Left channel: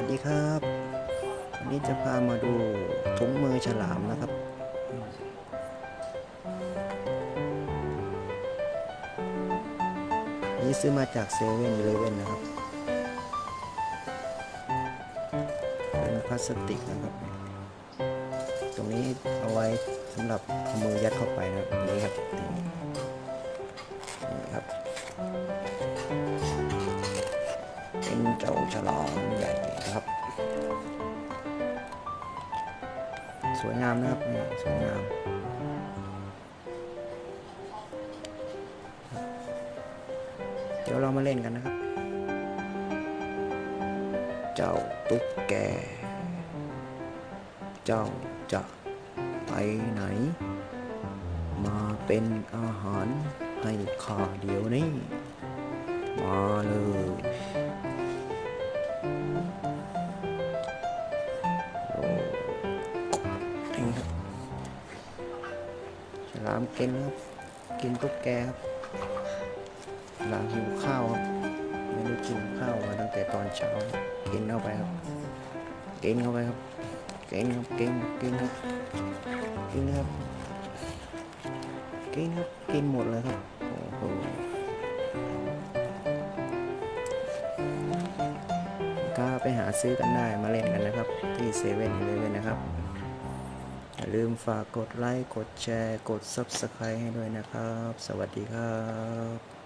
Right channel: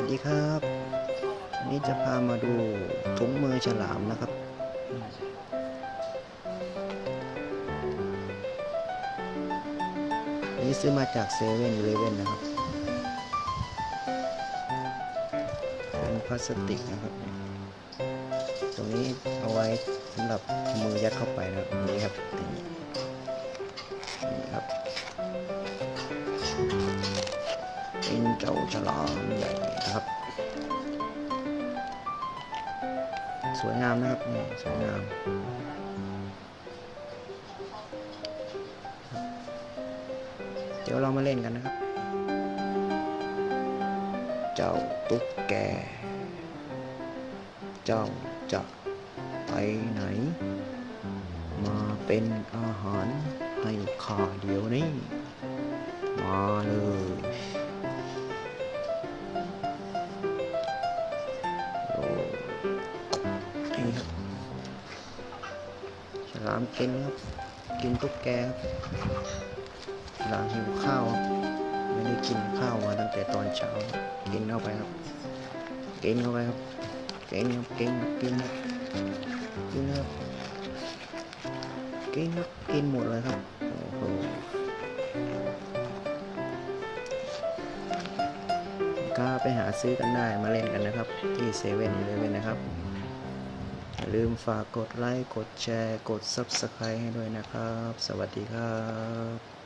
วัสดีครับวันนี้จะพามาดูถุงมือฉลามนะครับ นี้ซื้อมาจากเซเว่นอีเลเว่นนะครับ เป็นพลาสติกนะครับ ตรงนี้เอาไว้สำหรับมือยัดเข้าไปนะครับ นี่ครับนี่ครับ เป็นเจ้าฉลามใหญ่นะครับ สวยงามนะครับนี่สวยงามเดี๋ยวเรามาเล่นกันนะครับ เจ้าตุ๊กแก เจ้าจะไปไหน มาเป็นอาหารให้ข้าเดี๋ยวนี้ มาเลย ลามกินครับ กินตุ๊กแกครับฉลามหิวข้าวครับ ไม่ได้กินข้าวมาตั้งแต่ตอนเช้า กินเข้าไปครับกินเข้าไปครับกินครับกินครับกินครับกินครับกินครับกินหมดเลยครับ โอ้โหก็ไปหาซื้อกันได้มาเล่นกันนะครับ ที่เซเว่นอีเลเว่นนะครับ อย่าลืมฝากกดไลค์ กดแชร์ กด Subscribe ให้ด้วยนะครับ สวัสดีครับ